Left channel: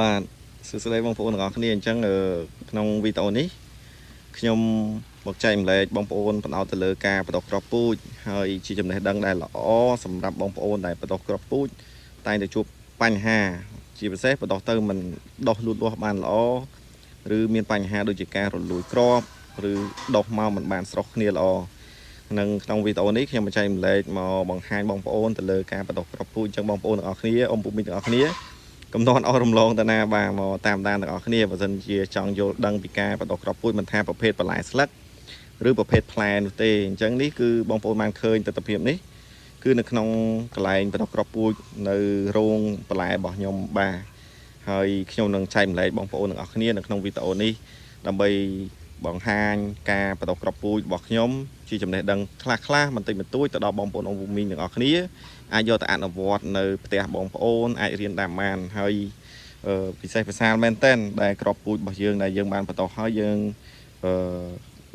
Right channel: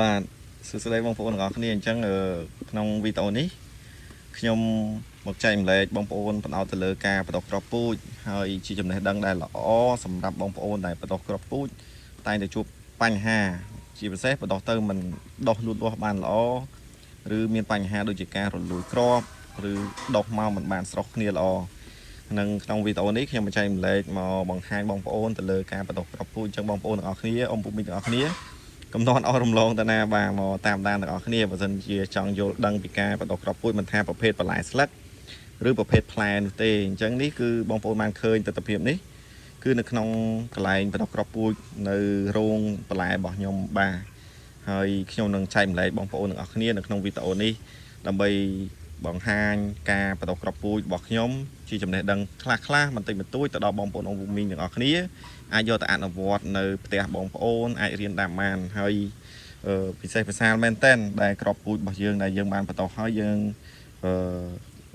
បាទសួស្តីបងប្អូនទាំងអស់គ្នាអញ្ចឹងក្នុងវីដេអូនេះខ្ញុំមកចែកម្លែកបងប្អូនផ្ដោតទៅលើការបដិគ្រាប់ពូជហើយជាចំណេះដឹងដែលល្អសម្រាប់បងប្អូនដែលបដិគ្រាប់ពូជតែងតែជួបបញ្ហាជាពិសេសបដិទៅមិនដុះលូតលាស់បានល្អឬមានបញ្ហាដូចជាការរលួយគ្រាប់ឬដុះមកមិនបានស្រស់គ្នាល្អនឹងក្នុងវីដេអូនេះខ្ញុំមកចែកម្លែកមកបង្ហាញបងប្អូនទៅលើការបដិគ្រាប់ពូជអញ្ចឹងបងប្អូនទាំងអស់គ្នាអ៊ំពូមីទាំងអស់គ្នាកំណត់អស់រំលងតាណាបាទមកតាមដានទាំងអស់គ្នាបើសិនជាចង់យល់ដឹងពីការបដិគ្រាប់ពូជមិនថាប្រភេទបន្លែស្លឹកឬប្រភេទផ្លែនេះទេអញ្ចឹងនេះគឺបងប្អូនបានឃើញទស្សនវិជ្ជានេះគឺនៅក្នុងកន្លែងបដិគ្រាប់ពូជនៅរោងបន្លែរបស់ខ្ញុំបាទហើយខ្ញុំនឹងចែកម្លែកបងប្អូនទាំងអស់គ្នានៅក្នុងវីដេអូនេះដើម្បីបង្ហាញការបដិគ្រាប់ពូជរបស់ខ្ញុំជាចំណេះដឹងខ្លះៗបន្តិចបន្តួចទៅដល់បងប្អូនអ៊ំមីងទាំងអស់គ្នាអាចយកទៅអនុវត្តនៅផ្ទះបងប្អូនអាចរៀនតាមបានហើយពិសេសភាសាមែនតើដែលក្របពូជរបស់យើងដែលយើងបានបន្តហើយយើង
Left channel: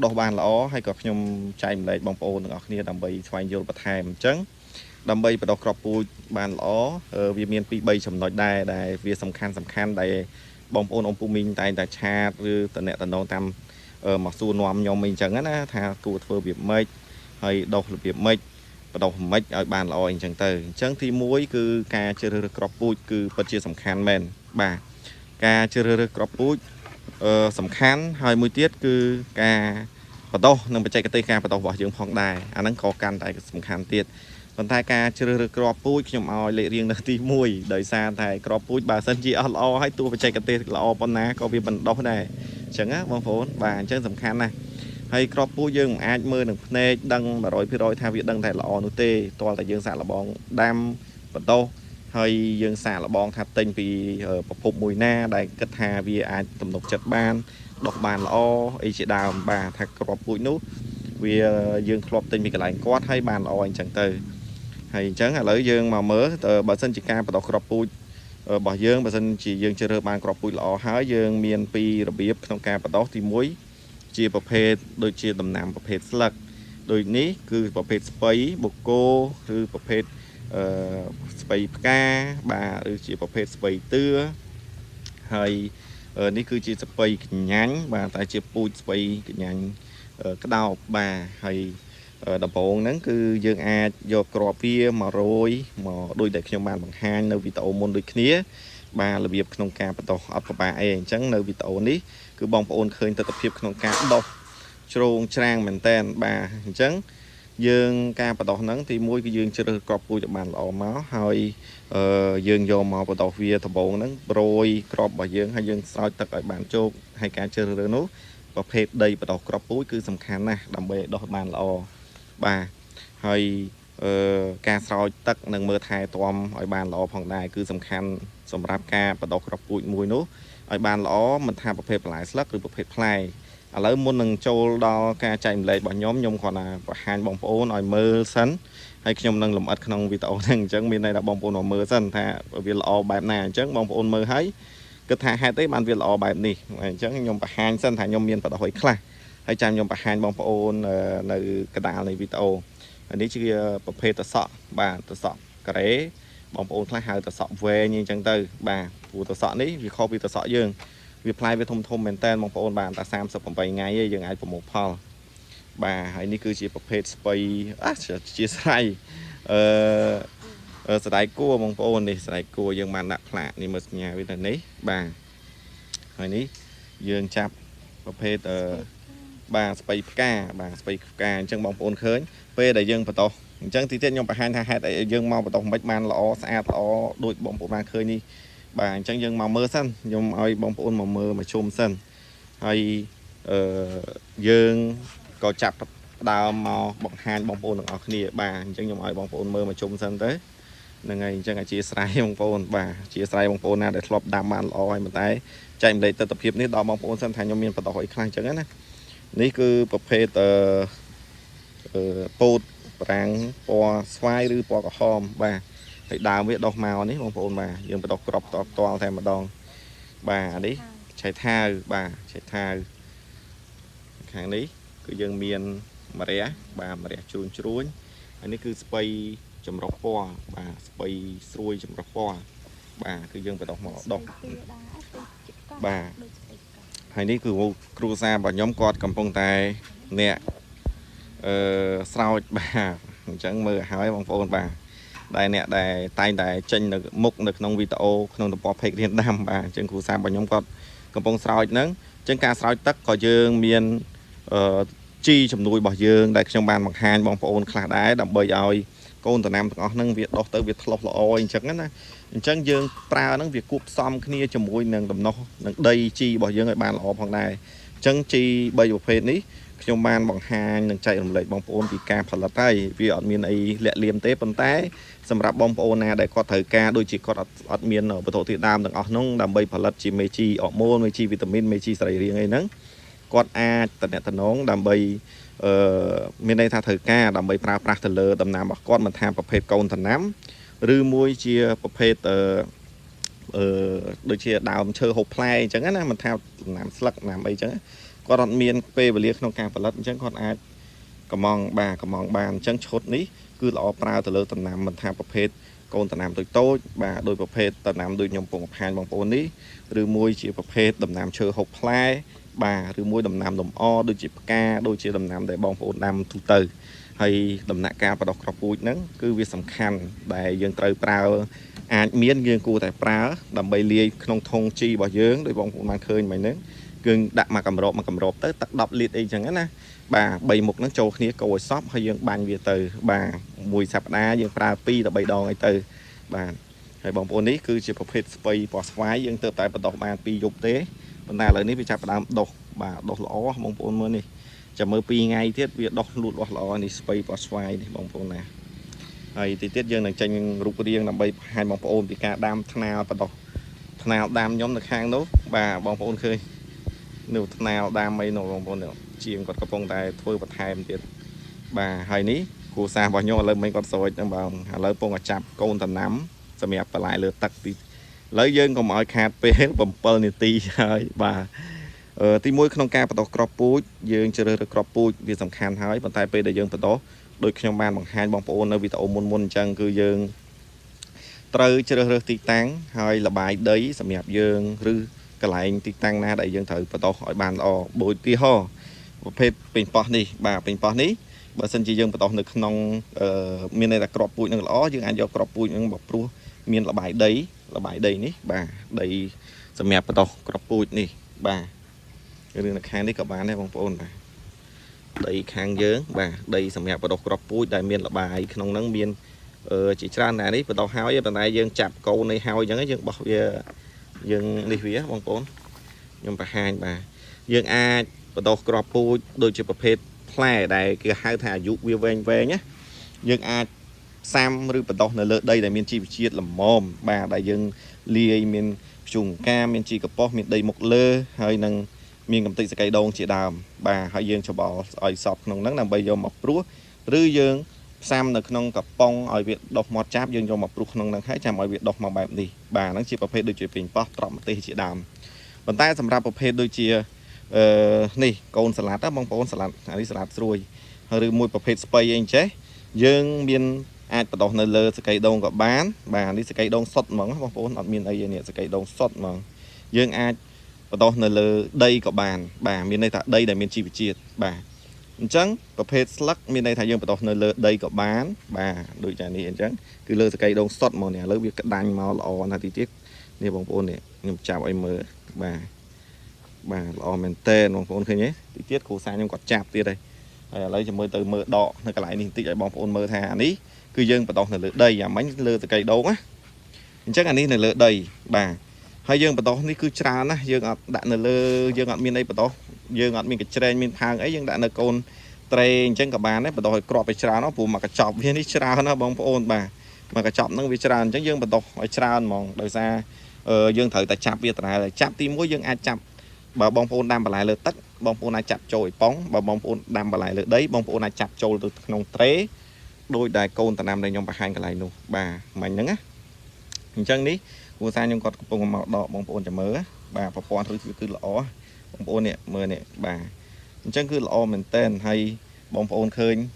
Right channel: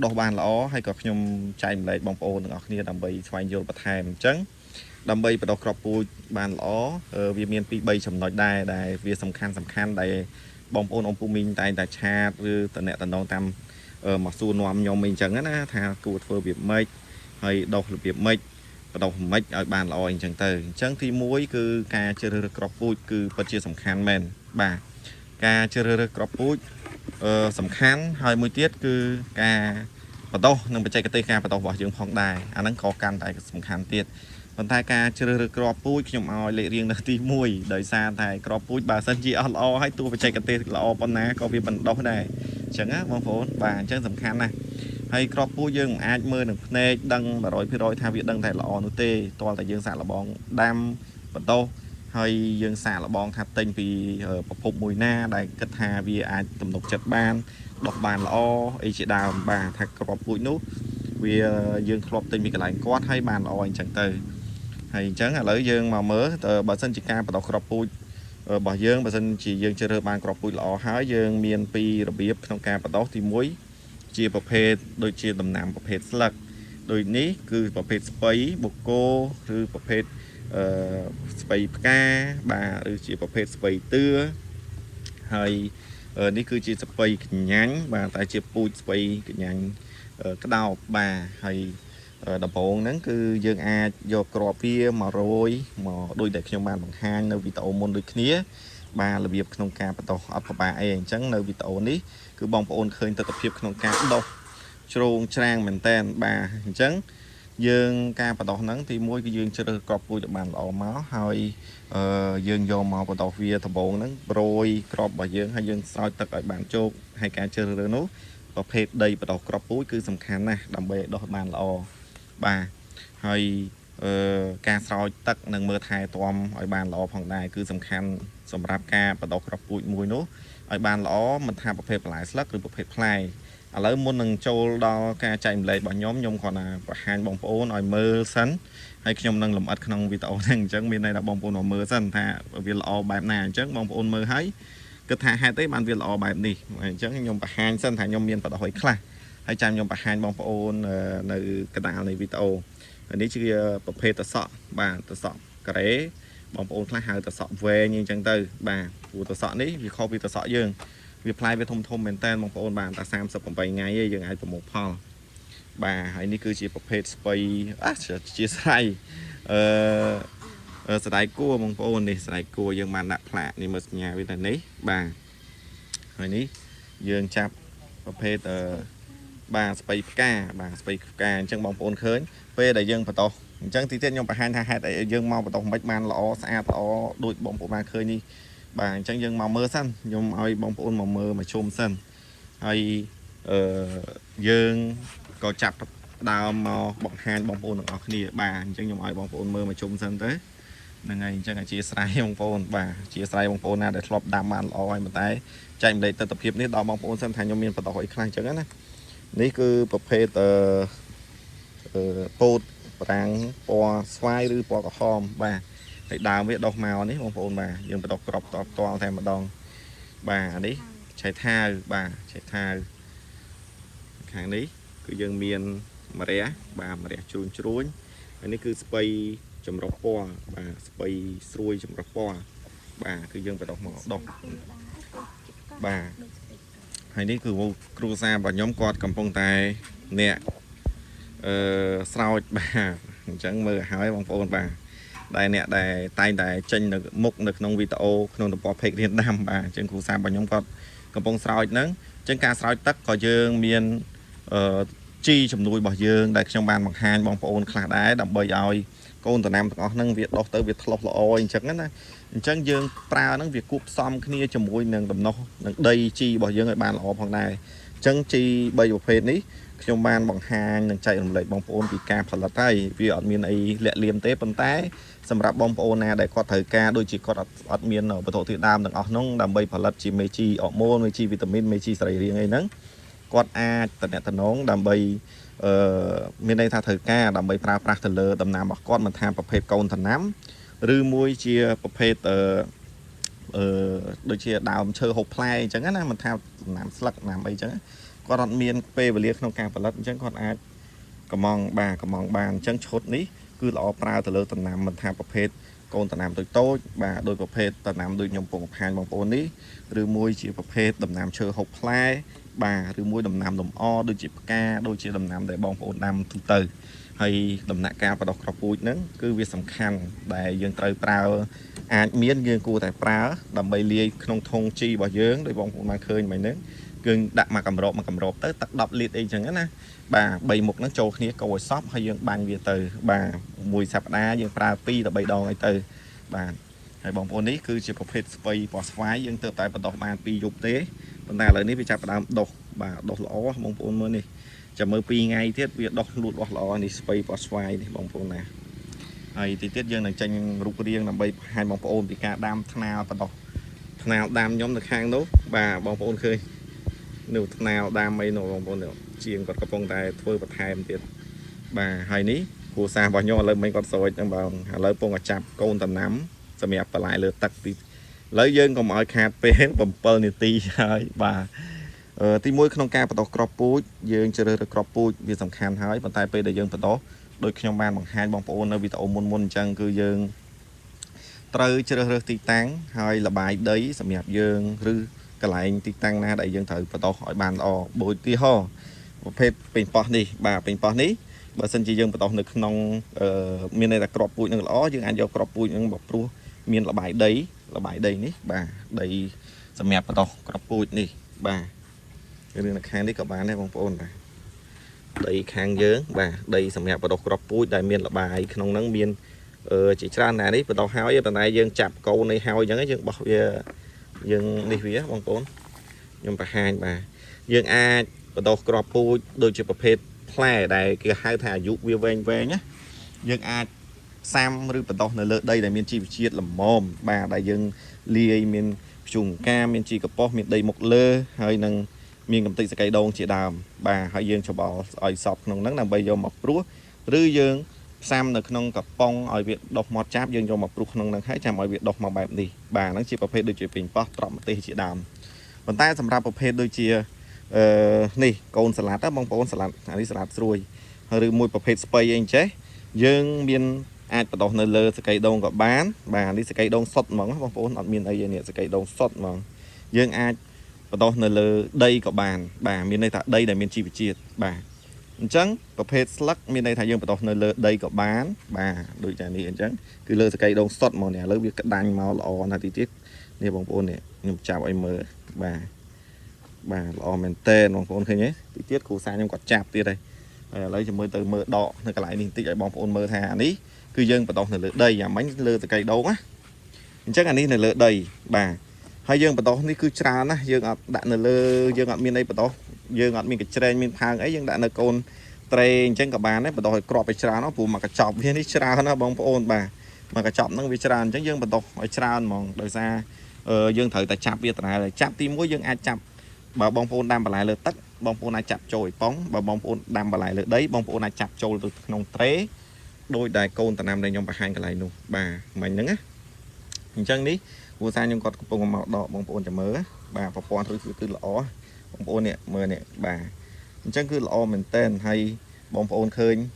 ដោះបានល្អហើយក៏ខ្ញុំចែកម្លែកបងប្អូនទាំងអស់គ្នាដើម្បីស្វែងយល់បន្ថែមអញ្ចឹងដើម្បីបដោះក្របពូជបានល្អវាមានពី3ចំណុចដែរដែលវាសំខាន់ដែលបងប្អូនអ៊ំពូមីងតែងតែឆាតឬតំណតាមមកសួរនាំខ្ញុំអីអញ្ចឹងណាថាគួរធ្វើរបៀបម៉េចហើយដោះរបៀបម៉េចបដោះម៉េចឲ្យបានល្អអញ្ចឹងទៅអញ្ចឹងទី1គឺការជ្រើសរើសក្របពូជគឺពិតជាសំខាន់មែនបាទការជ្រើសរើសក្របពូជសំខាន់ហើយមួយទៀតគឺការបដោះនិងបច្ចេកទេសការបដោះរបស់យើងផងដែរអាហ្នឹងក៏កាន់តែសំខាន់ទៀតប៉ុន្តែការជ្រើសរើសក្របពូជខ្ញុំឲ្យលេខរៀងនៅទី1ដោយសារតែក្របពូជបើសិនជាអត់ល្អហើយតួបច្ចេកទេសល្អប៉ុណ្ណាក៏វាមិនដោះដែរអញ្ចឹងណាបងប្អូនបាទអញ្ចឹងសំខាន់ណាស់ហើយក្របពូជយើងមិនអាចមើលនឹងភ្នែកដឹង 100% ថាវាដឹងតែល្អនោះទេតើតែយើងសាកល្បងដាំបដោះហើយយើងសាកល្បងថាទិញពីប្រភពមួយណាដែលគិតថាវាអាចទំនុកចិត្តបានដុះបានល្អអីជាដើមបាទថាក្របពូជនោះវាយើងធ្លាប់ទិញពីកន្លែងគាត់ហើយបានល្អអញ្ចឹងទៅហើយអញ្ចឹងឥឡូវយើងមកមើលបើសិនជាការបដោះក្របពូជរបស់យើងបើសិនជាយើងជ្រើសរើសបានក្របពូជល្អហើយយើងមានពីររបៀបក្នុងការបដោះទី1ជាប្រភេទដូចជាដំណាំប្រភេទស្លឹកដូចនេះគឺប្រភេទស្ពៃបូកូឬប្រភេទស្ពៃផ្កាបាទឬជាប្រភេទស្ពៃតឿហើយនេះគឺជាស្ពៃកញ្ញាញ់បាទតែជាពូជស្ពៃកញ្ញាញ់ក្តោបបាទហើយដំបូងហ្នឹងគឺយើងអាចយកគ្រាប់វាមករយមកដូចដែលខ្ញុំបានបង្ហាញនៅវីដេអូមុនដូចគ្នាបាទរបៀបក្នុងការបដោះអត់ពិបាកអីអញ្ចឹងនៅវីដេអូនេះគឺបងប្អូនឃើញទស្សនវិជ្ជាក្នុងការដោះជ្រងច្រាំងមែនតើបាទអញ្ចឹងយើងការបដោះហ្នឹងទី1គឺយើងជ្រើសគ្រាប់ពូជឲ្យបានល្អមកហើយយើងយកមកបដោះវាដំបូងហ្នឹងប្រួយគ្រាប់របស់យើងហើយយើងស្រោចទឹកឲ្យបានជោគហើយការជ្រើសរើសនោះប្រភេទដីបដោះគ្រាប់ពូជគឺសំខាន់ណាស់ដើម្បីឲ្យដោះបានល្អបាទហើយការស្រោចទឹកនិងមើលថែទាំឲ្យបានល្អផងដែរគឺសំខាន់សម្រាប់ការបដោះគ្រាប់ពូជមួយនោះឲ្យបានល្អមិនថាប្រភេទបន្លែស្លឹកឬប្រភេទផ្លែឥឡូវមុននឹងចូលដល់ការចែកម្លែករបស់ខ្ញុំគ្រាន់តែបង្ហាញបងប្អូនឲ្យមើលសិនហើយខ្ញុំនឹងលម្អិតក្នុងវីដេអូហ្នឹងអញ្ចឹងមានន័យថាបងប្អូនមើលសិនថាវាល្អបែបណាអញ្ចឹងបងប្អូនមើលហើយគិតថាហេតុអីបានវាល្អបែបនេះអញ្ចឹងខ្ញុំបង្ហាញសិនថាខ្ញុំមានបដោះឲ្យខ្លះហើយចាំខ្ញុំបង្ហាញបងប្អូននៅកណ្ដាលនៃវីដេអូនេះជាប្រភេទតសក់បាទតសក់ការ៉េបងប្អូនខ្លះហៅតសក់វែងអញ្ចឹងទៅបាទព្រោះតសក់នេះវាខុសពីតសក់យើងវាផ្លែវាធំមែនតើបងប្អូនបានតែ38ថ្ងៃឯងយើងអាចប្រមូលផលបាទហើយនេះគឺជាប្រភេទស្ពៃជាស្រ័យស្ដាយគួរបងប្អូននេះស្ដាយគួរយើងបានដាក់ផ្លាកនេះមើលសញ្ញាវាតែនេះបាទហើយនេះយើងចាប់ប្រភេទបាទស្ពៃផ្កាបាទស្ពៃផ្កាអញ្ចឹងបងប្អូនឃើញពេលដែលយើងបដោះអញ្ចឹងទីទៀតខ្ញុំបង្ហាញថាហេតុអីយើងមកបដោះមិនបានល្អស្អាតល្អដូចបងប្អូនបានឃើញនេះបាទអញ្ចឹងយើងមកមើលសិនខ្ញុំឲ្យបងប្អូនមកមើលមកជុំសិនហើយយើងក៏ចាប់ដើមមកបង្ហាញបងប្អូនទាំងអស់គ្នាបាទអញ្ចឹងខ្ញុំឲ្យបងប្អូនមើលមកជុំសិនទៅហ្នឹងហើយអញ្ចឹងអធិស្ឋានបងប្អូនបាទអធិស្ឋានបងប្អូនណាដែលធ្លាប់ដាំបានល្អហើយប៉ុន្តែចែកម្លែកទស្សនវិជ្ជានេះដល់បងប្អូនសិនថាខ្ញុំមានបដោះអីខ្លះអញ្ចឹងណានេះគឺប្រភេទពោតប្រាំងពណ៌ស្វាយឬពណ៌ក្រហមបាទហើយដើមវាដោះមកនេះបងប្អូនបាទយើងបដោះក្របតតែម្ដងបាទអានេះឆៃថាវបាទឆៃថាវខាងនេះគឺយើងមានម្រះបាទម្រះជ្រួញហើយនេះគឺស្ពៃចម្រុះពណ៌បាទស្ពៃស្រួយចម្រុះពណ៌ bà cứ dương phải đọc mỏ đọc bà hay ní cứ cru xa bà nhóm cọt cầm phong tài nè sao bà chẳng mơ hỏi bằng phone bà đây nè đây tay đây chân được mục được nông video nông được bỏ phê thiên đam bà chân cru xa bà nhóm cọt cầm phong sao nắng chân ca sao tất có dương miền chi chùm nuôi bỏ dương đại trong bàn bằng hai bằng phone khá đái đập bơi oi con tụi nam có năng việc đọc tới việc lọc lội chẳng á chẳng dương pra nó việc cuộc xong kia cho môi nâng đầm nó đây chi bỏ dương ở bàn lọ bằng này chẳng chi bây giờ phê ní trong bàn bằng hai nâng chạy lại bằng phone vì ca phải là tay vì ở miền ấy lẹ liềm tế bằng tay sầm rạp bông phone này để có thời ca đôi chỉ có ở miền ở thổ thiệt đam đừng ở nông đầm bây phải là chỉ mấy chi ở môn mấy chi vitamin mấy chi sợi riêng ấy nắng con a tận tận nón đầm bây miền đây tha thời ca đầm bây pra pra thờ lơ đầm nam con mình thamประเภท câu thần nám rư môi chia ประเภทđôi chia đào chơi hộp play chẳng á mình theo làm slug làm ấy chẳng con đòn miền pe và liệt trong càng phải lật chẳng con ai cầm mong bàn chẳng chốt ní cứ lọ pra thờ lơ đầm nam mình tham ประเภท câu thần nam tôi bà đôi ประเภท đầm nam đôi nhom cùng hai bằng bốn ní rư môi chia ประเภท đầm nam chơi hộp play bà rư môi đầm nam đầm o đôi chỉ ca đôi chia đầm nam để bong bốn nam từ hay đầm nạ cao và đọc cọp bụi nắng cứ việc sầm khăn đại dương trời prao miên dương cu tại prao đầm bay lia không thông chi bảo dương để bong mà khơi mày nấy gừng đặt mà cầm rộp tới tắt đọc liệt ấy chẳng á bà bay một nó trâu kia cầu shop hay dương bàn về từ bà mùi sạp đá dương prao pi là bay đòn ấy từ bà để bong bốn ấy cứ chỉ có phết spray bỏ xoáy dương từ tại bắt đọc bà pi dục tế bên này lại nấy bị chạp đám đọc bà đọc lõ bong bốn mới nàyจะมือปีไงเทียบเวียดดอกหลุดล้อนี่สไปปอสไฟนี่บางคนนะไอ้ที่เทียบยังหนึ่งใจยังรูปเรียงนำไปให้บางคนปีกาดามทนาวปะดอกทนาวดามย้อมตะข้างนู้บ่าบางคนเคยหนูทนาวดามไม่หนูบางคนเนี่ยเชียงกดกระโปรงแต่ถ้วยปัดไทยมันเทียบบ่าไอ้นี้กูซาบอลโย่เลยไม่กดโซ่จังบางเลยปงจับโกนตะน้ำสมัยปลายเลยตักตีเลยยื่นก็มาขาดเป็นบอมเปิลนี่ตีไอ้บ่าที่มวยขนมกาปตอกกรอบปูดยืนเจริญกรอบปูดยืนสำคัญหายบนไทยไปได้ยืนปตอกโดยขนมบานบางไฮบางปูนในวิตามุนจังคือยืนเตยเจริญตีตังหายระบายได้สำหรับยืนหรือกระไรตีตังน่าได้ยืนถือปตอกหอยบานออกโบยตีห่อประเภทเป็นปอนี่บ่าเป็นปอนี้บางส่วนจียืนปตอกในขนมมีในกรอบปูดนั่งล้อยืนอันยกกรอบปูดนั่งบอกปลัวมีระบายได้นี่บ่าได้สำหรับปตอกกรอบปูดนี่บ่าเรื่องค้างที่กับบ้านได้บางคนđầy khang dướng và đầy sầm hẹp và đọc cọp pui đại miền là bài không nắng miền chỉ ra này đấy và đọc hao với này dân chạp câu này hao giống dân bảo dân đi phía bang phố nhưng mà hai bà dân a và đọc cọp pui đôi chữประเภท play đại kia hai thả dụ về nhé dân a sam rư và đọc này đây là miền chi chiết là mồm bà đại dân lia miền trùng cam miền chi cọp po miền đầy một lơ hơi nâng miền cầm tây sẽ cây đông chỉ đàm bà hai dương cho bỏ ỏi sọt nông nắng làm bây giờ mọc rúa rư dương sam được nông cặp pong ỏi việt đọc mọt cháp dương cho mọc rúa nông nắng thấy chạm ỏi việt đọc mọc bẹp đi bà nó chỉประเภท đôi chỉ bình pop trọm tây chỉ đàm còn tayสำหรับประเภท đôi chỉนี่โกนสลัดบางโกนสลัดอันนี้สลัดรวยหรือมวยประเภทสไปเองใช่dương miền ai bắt đầu nơi lơ sẽ cây đôngกับบ้านbà đi sẽ cây đông sọt mỏng bangโกนở miền ấyเนี่ยsẽ cây đông sọt mỏng dương ai bắt đầu nơi lơ đây có bàn bà miền đây thà đây là miền chi bị chia bà trắng có phê slug miền đây thà dương bắt đầu nơi lơ đây có bán bà đôi trái này trắng cứ lơ cây đông sọt màu này lơ việc cắt đanh màu lò là tí tiết này bông bồn này nhung chào em mơ bà lò men tên bông bồn thôi nhé tí tiết khổ sai nhưng quạt chạp kia đây lấy cho mơ từ mơ đỏ này cái lại này tí cái bông bồn mơ thà ní cứ dương bắt đầu nơi lơ đây à bánh lơ từ cây đấu á chắc là ní này lơ đây bà hai dương bắt đầu ní cứ trà nó dương ngọt đạn lơ dương ngọt miền đây bắt đầu dương ngọt miền cái trên miền hàng ấy dương đạn là côn tray trên cả bàn đấy bắt đầu cropไปtrà nó phù mà cái chọc viên ní trà nó bông ôn bà mà cái chọc nó bị trà chắc dương bắt đầu phải trà mòn đời ra dương thử tại chạp việt là chạp tim mũi dương ai chạp bà bông ôn đam bà lại lơ tắc bông ôn ai chạp trồi bóng bà bông ôn đam bà lại lơ đấy bông ôn ai chạp trồi từ nông trế đôi đài côn tại nam đây nhom bà hai cái lại luôn bà mạnh nữa á hình chân ní vừa sang nhưng còn bông màu đỏ bông ôn chả mớ bà phò phò thôi cứ lỏ bông ôn nè mưa nè bà chân cứ lỏ mình tên hay bông ôn khơi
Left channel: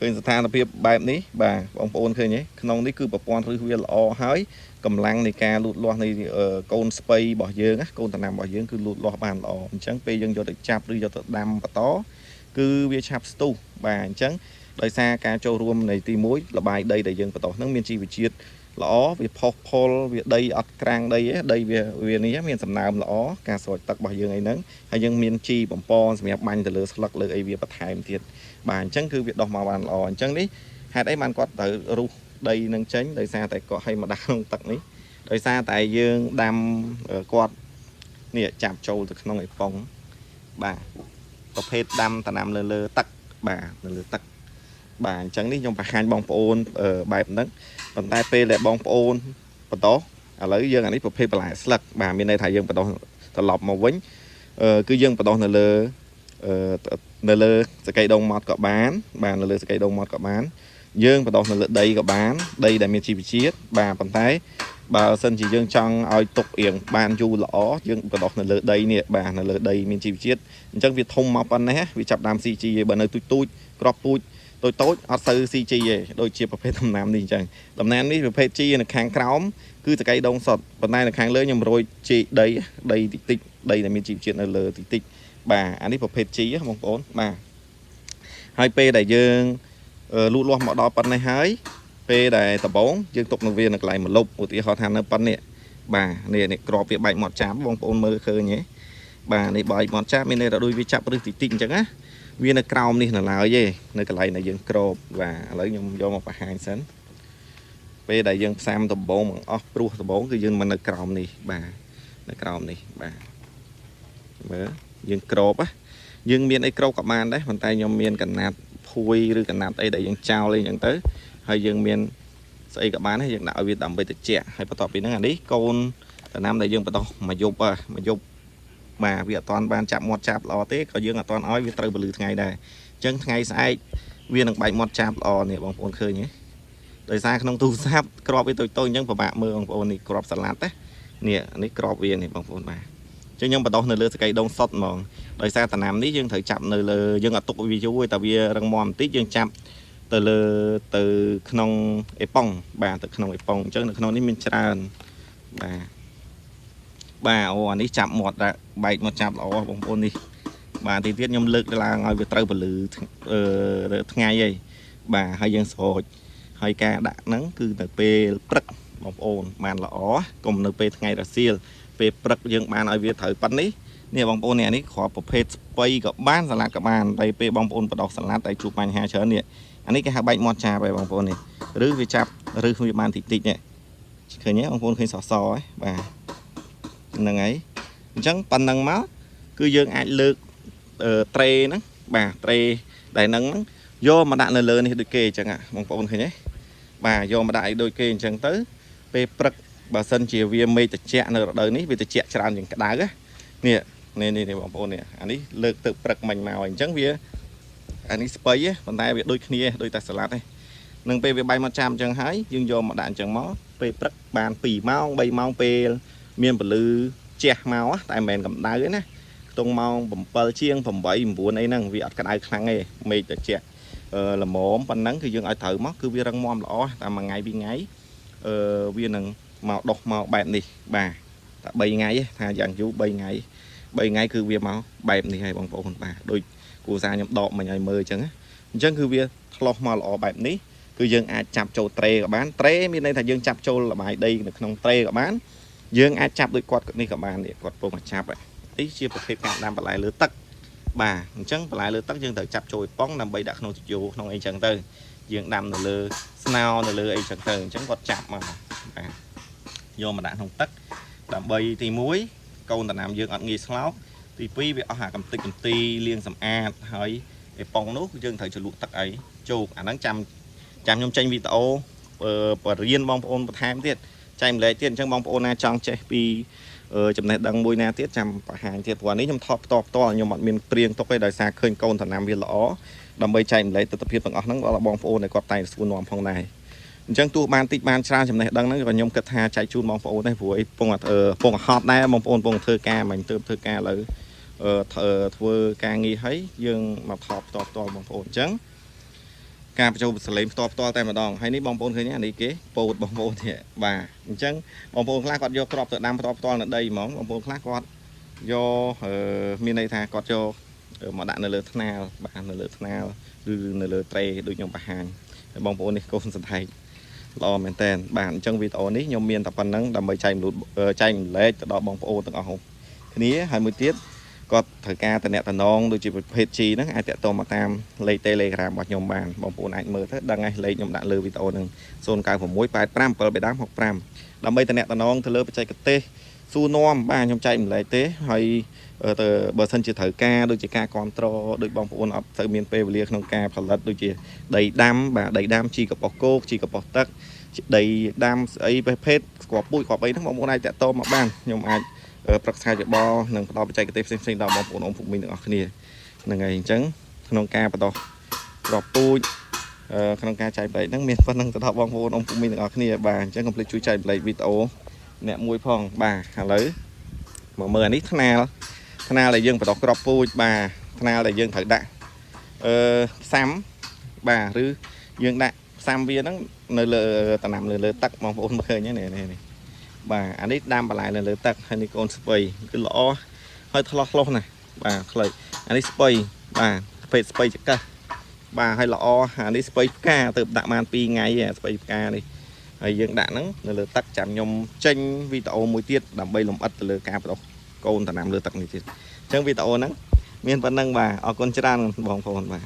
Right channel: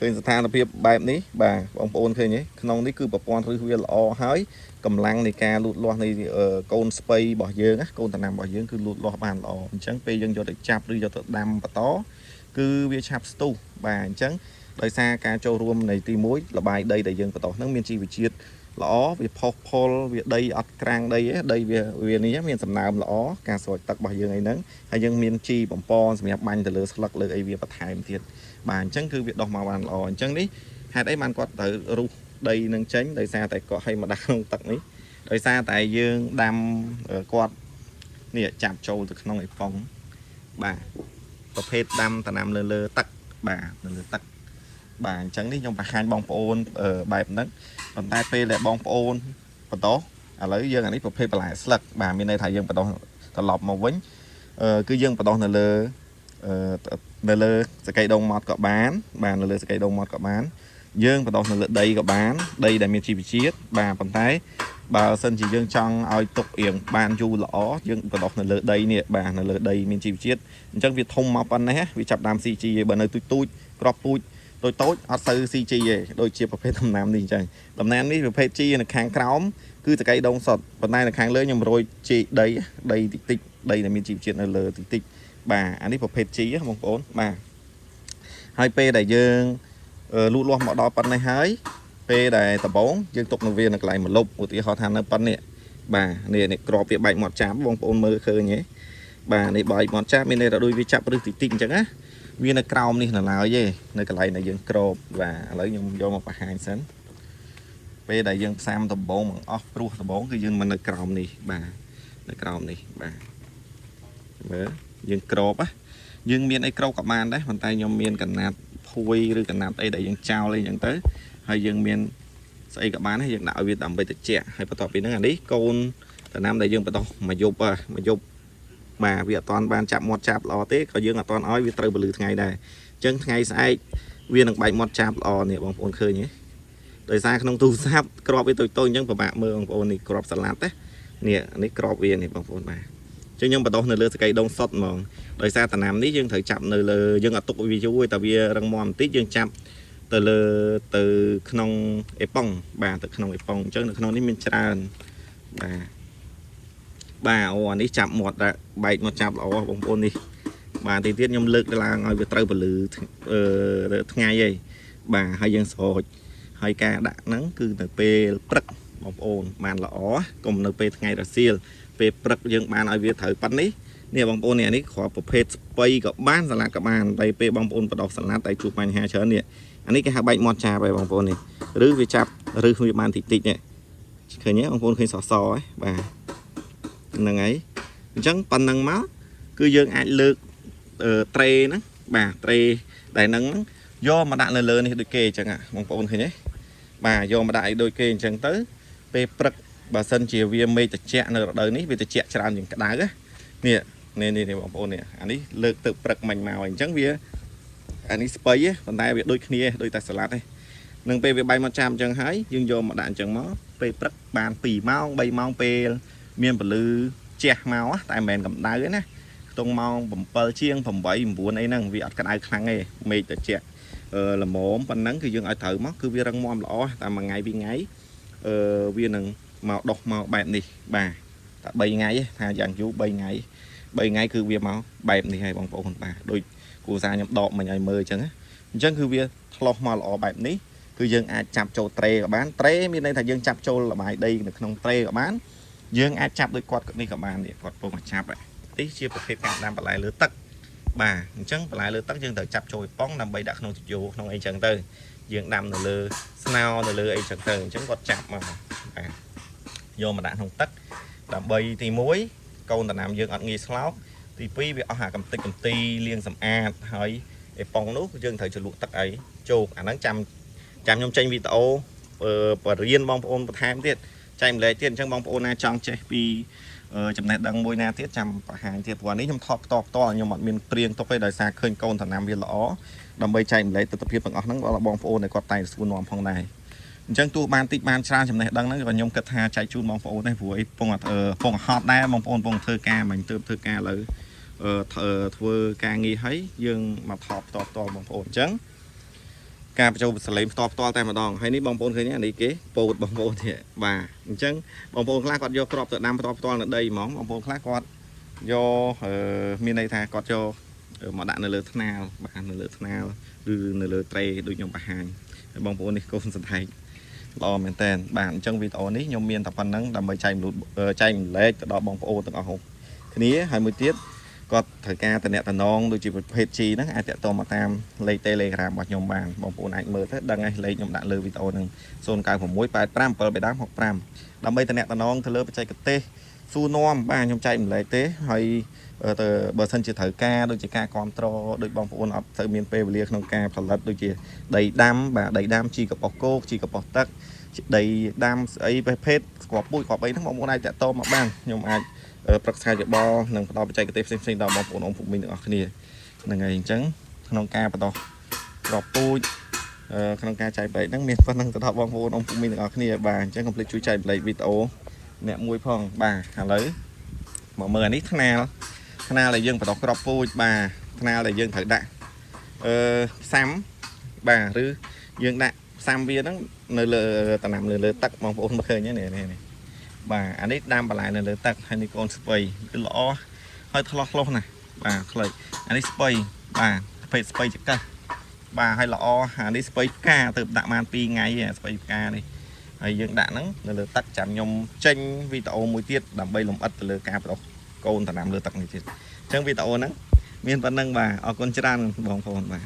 ឃើញស្ថានភាពបែបនេះបាទបងប្អូនឃើញទេក្នុងនេះគឺប្រព័ន្ធឫសវាល្អហើយកម្លាំងនៃការលូតលាស់នៃកូនស្ពៃរបស់យើងកូនដំណាំរបស់យើងគឺលូតលាស់បានល្អអញ្ចឹងពេលយើងយកទៅចាប់ឬយកទៅដាំបន្តគឺវាឆាប់ស្ទុះបាទអញ្ចឹងដោយសារការចូលរួមនៃទី1លបាយដីដែលយើងបន្តហ្នឹងមានជីវជាតិល្អវាផុសផុលវាដីអត់ក្រាំងដីដីវានេះមានសំណើមល្អការស្រោចទឹករបស់យើងអីហ្នឹងហើយយើងមានជីបំពន់សម្រាប់បាញ់ទៅលើស្លឹកលើអីវាបន្ថែមទៀតបាទអញ្ចឹងគឺវាដោះមកបានល្អអញ្ចឹងនេះហេតុអីបានគាត់ត្រូវរុះដីនឹងចេញដោយសារតែគាត់ឲ្យមកដាក់ក្នុងទឹកនេះដោយសារតែយើងដាំគាត់នេះចាប់ចូលទៅក្នុងអីប៉ុងបាទប្រភេទដាំតំណាំលើទឹកបាទលើទឹកបាទអញ្ចឹងនេះខ្ញុំបង្ហាញបងប្អូនបែបហ្នឹងប៉ុន្តែពេលដែលបងប្អូនបន្តឥឡូវយើងអានេះប្រភេទបន្លែស្លឹកបាទមានន័យថាយើងបន្តត្រឡប់មកវិញគឺយើងបន្តនៅលើសកៃដងម៉ត់ក៏បានបាទនៅលើសកៃដងម៉ត់ក៏បានយើងបន្តនៅលើដីក៏បានដីដែលមានជីវជាតិបាទប៉ុន្តែបើសិនជាយើងចង់ឲ្យទុករៀងបានយូរល្អយើងបន្តនៅលើដីនេះបាទនៅលើដីមានជីវជាតិអញ្ចឹងវាធំមកប៉ុណ្ណេះវាចាប់ដើម CG ឯបើនៅទូចក្របពូជតូចអត់សូវ CG ទេដូចជាប្រភេទដំណាំនេះអញ្ចឹងដំណាំនេះប្រភេទ G នៅខាងក្រោមគឺសកៃដងសុតប៉ុន្តែនៅខាងលើខ្ញុំរយជីដីតិចដីដែលមានជីវជាតិនៅលើតិចបាទអានេះប្រភេទ G បងប្អូនបាទហើយពេលដែលយើងលូតលាស់មកដល់ប៉ុណ្ណេះហើយពេលដែលដំបងយើងទុកនៅវានៅកន្លែងមួយលុបឧទាហរណ៍ថានៅប៉ុណ្នេះបាទនេះក្របវាបែកមាត់ចាប់បងប្អូនមើលឃើញទេបាទនេះបែកមាត់ចាប់មានន័យថាដូចវាចាប់រឹសតិចអញ្ចឹងណាវានៅក្រោមនេះនៅឡើយទេនៅកន្លែងដែលយើងក្របបាទឥឡូវខ្ញុំយកមកបង្ហាញសិនពេលដែលយើងផ្សាំដំបងមកអស់ព្រោះដំបងគឺយើងមកនៅក្រោមនេះបាទនៅក្រោមនេះបាទមើលយើងក្របយើងមានអីក្របក៏បានដែរប៉ុន្តែខ្ញុំមានកណាត់ភួយឬកណាត់អីដែលយើងចោលអីអញ្ចឹងទៅហើយយើងមានស្អីក៏បានដែរយើងដាក់ឲ្យវាដើម្បីត្រជាក់ហើយបន្ទាប់ពីហ្នឹងអានេះកូនដំណាំដែលយើងបន្តមកយប់បាទវាអត់ទាន់បានចាប់មាត់ចាប់ល្អទេក៏យើងអត់ទាន់ឲ្យវាត្រូវពលឺថ្ងៃដែរអញ្ចឹងថ្ងៃស្អែកវានឹងបែកមាត់ចាប់ល្អនេះបងប្អូនឃើញទេដោយសារក្នុងទូរស័ព្ទក្របវាតូចអញ្ចឹងពិបាកមើលបងប្អូននេះក្របសាឡាត់ណានេះក្របវានេះបងប្អូនបាទអញ្ចឹងខ្ញុំបន្តនៅលើសកៃដងសុតហ្មងដោយសារតំណាំនេះយើងត្រូវចាប់នៅលើយើងអត់ទុកវាយូរទេតែវារឹងមាំបន្តិចយើងចាប់ទៅក្នុងអេប៉ុងបាទទៅក្នុងអេប៉ុងអញ្ចឹងនៅក្នុងនេះមានច្រើនបាទអូអានេះចាប់មាត់បែកមាត់ចាប់ល្អបងប្អូននេះបាទទីទៀតខ្ញុំលើកឡើងឲ្យវាត្រូវពលឺថ្ងៃឯងបាទហើយយើងស្រោចហើយការដាក់ហ្នឹងគឺនៅពេលព្រឹកបងប្អូនបានល្អកុំនៅពេលថ្ងៃរសៀលពេលព្រឹកយើងបានឲ្យវាត្រូវប៉ុណ្នេះនេះបងប្អូននេះគ្រាប់ប្រភេទស្ពៃក៏បានសាឡាត់ក៏បានតែពេលបងប្អូនបដោះសាឡាត់តែជួបបញ្ហាច្រើននេះអានេះគេហៅបែកមាត់ចាប់ហើយបងប្អូននេះឬវាចាប់ឬវាបានតិចនេះឃើញទេបងប្អូនឃើញសសហ៎បាទហ្នឹងហើយអញ្ចឹងប៉ុណ្ណឹងមកគឺយើងអាចលើកត្រេហ្នឹងបាទត្រេដែលហ្នឹងយកមកដាក់នៅលើនេះដូចគេអញ្ចឹងបងប្អូនឃើញទេបាទយកមកដាក់ឲ្យដូចគេអញ្ចឹងទៅពេលព្រឹកបើសិនជាវាមេឃត្រជាក់នៅរដូវនេះវាត្រជាក់ច្រើនជាងក្តៅនេះបងប្អូននេះអានេះលើកទៅព្រឹកមិញមកអញ្ចឹងវាអានេះស្ពៃប៉ុន្តែវាដូចគ្នាដូចតែសាឡាត់ទេនឹងពេលវាបែកមកចាំអញ្ចឹងហើយយើងយកមកដាក់អញ្ចឹងមកពេលព្រឹកបាន2ម៉ោង3ម៉ោងពេលមានពលឺជះមកតែមិនមែនកម្ដៅទេណាខ្ទង់ម៉ោង7ជាង8 9អីហ្នឹងវាអត់ក្តៅខ្លាំងទេមេឃត្រជាក់ល្មមប៉ុណ្ណឹងគឺយើងឲ្យត្រូវមកគឺវារឹងមាំល្អតែមួយថ្ងៃពីរថ្ងៃវានឹងមកដុះមកបែបនេះបាទតែ3ថ្ងៃថាយ៉ាងយូរ3ថ្ងៃគឺវាមកបែបនេះហើយបងប្អូនបាទដូចគូសាខ្ញុំដកមិញឲ្យមើលអញ្ចឹងគឺវាឆ្លោះមកល្អបែបនេះគឺយើងអាចចាប់ចូលត្រេក៏បានត្រេមានន័យថាយើងចាប់ចូលលបាយដីនៅក្នុងត្រេក៏បានយើងអាចចាប់ដូចគាត់នេះក៏បានគាត់ពងមកចាប់នេះជាប្រភេទការដាំបន្លែលើទឹកបាទអញ្ចឹងបន្លែលើទឹកយើងត្រូវចាប់ចូលប៉ុងដើម្បីដាក់ក្នុងយោក្នុងអីចឹងទៅយើងដាំនៅលើស្នោនៅលើអីចឹងទៅអញ្ចឹងគាត់ចាប់មកបាទយកមកដាក់ក្នុងទឹកដើម្បីទី1កូនដំណាំយើងអត់ងាយស្លោកទី2វាអស់អាកំតិចកំទីលាងសម្អាតហើយឯប៉ុងនោះយើងត្រូវជ្រលក់ទឹកអីជោគអាហ្នឹងចាំខ្ញុំចេញវីដេអូបរៀនបងប្អូនបន្ថែមទៀតចែកម្លែកទៀតអញ្ចឹងបងប្អូនណាចង់ចេះពីចំណេះដឹងមួយណាទៀតចាំបង្ហាញទៀតព្រោះនេះខ្ញុំថតផ្ទាល់ខ្ញុំអត់មានព្រៀងទុកទេដោយសារឃើញកូនដំណាំវាល្អដើម្បីចែកម្លែកទស្សនវិជ្ជាទាំងអស់ហ្នឹងដល់បងប្អូនដែលគាត់តែសួរនាំផងដែរអញ្ចឹងទោះបានតិចបានច្រើនចំណេះដឹងហ្នឹងក៏ខ្ញុំគិតថាចែកជូនបងប្អូនដែរព្រោះអីពងហត់ដែរបងប្អូនពងធ្វើការមិនទៅធ្វើការឥឡូវធ្វើការងារហើយយើងមកថតផ្ទាល់បងប្អូនអញ្ចឹង ការបញ្ចូលសលេងផ្ទាល់តែម្ដងហើយនេះបងប្អូនឃើញនេះគេពោតបងប្អូននេះបាទអញ្ចឹងបងប្អូនខ្លះគាត់យកគ្រាប់ទៅដាំផ្ទាល់នៅដីហ្មងបងប្អូនខ្លះគាត់យកមានន័យថាគាត់យកមកដាក់នៅលើថ្នាលបាទនៅលើថ្នាលឬនៅលើត្រេដូចខ្ញុំបង្ហាញហើយបងប្អូននេះកូនសណ្ដែកល្អមែនតើបាទអញ្ចឹងវីដេអូនេះខ្ញុំមានតែប៉ុណ្្នឹងដើម្បីចែកម្លែកទៅដល់បងប្អូនទាំងអស់គ្នាហើយមួយទៀតគាត់ត្រូវការតំណែងដូចជាប្រភេទ G ហ្នឹងអាចតាក់ទងមកតាមលេខ Telegram របស់ខ្ញុំបានបងប្អូនអាចមើលទៅដឹងហើយលេខខ្ញុំដាក់លើវីដេអូហ្នឹង0968577765ដើម្បីតំណែងទៅលើបច្ចេកទេសសួរនាំបាទខ្ញុំចែកម្លែកទេហើយទៅបើសិនជាត្រូវការដូចជាការគ្រប់គ្រងដូចបងប្អូនអត់ទៅមានពេលវេលាក្នុងការផលិតដូចជាដីដាំបាទដីដាំជីកប៉ុសគោកជីកប៉ុសទឹកដីដាំស្អីប្រភេទស្គាល់ពូជស្គាល់អីហ្នឹងបងប្អូនអាចតាក់ទងមកបានខ្ញុំអាចប្រឹក្សាយោបល់និងផ្ដល់បច្ចេកទេសផ្សេងៗដល់បងប្អូនអង្គភូមិទាំងអស់គ្នាហ្នឹងហើយអញ្ចឹងក្នុងការបន្តក្របពូជក្នុងការចែកប្រែកហ្នឹងមានប៉ុណ្្នឹងទៅដល់បងប្អូនអង្គភូមិទាំងអស់គ្នាបាទអញ្ចឹងកុំភ្លេចជួយចែកប្រែកវីដេអូអ្នកមួយផងបាទឥឡូវមើលអានេះថ្នាលដែលយើងបន្តក្របពូជបាទថ្នាលដែលយើងត្រូវដាក់សាំបាទឬយើងដាក់សាំវាហ្នឹងនៅលើតំណាំលើទឹកបងប្អូនមើលឃើញនេះបាទអានេះដាំបន្លែនៅលើទឹកហើយនេះកូនស្ពៃគឺល្អហើយឆ្លោះណាបាទខ្លីអានេះស្ពៃបាទប្រភេទស្ពៃចកាសបាទហើយល្អអានេះស្ពៃផ្កាទៅដាក់បាន2ថ្ងៃស្ពៃផ្កានេះហើយយើងដាក់ហ្នឹងនៅលើទឹកចាំខ្ញុំចេញវីដេអូមួយទៀតដើម្បីលម្អិតទៅលើការបដោះកូនតំណាំលើទឹកនេះទៀតអញ្ចឹងវីដេអូហ្នឹងមានប៉ុណ្្នឹងបាទអរគុណច្រើនបងប្អូនបាទ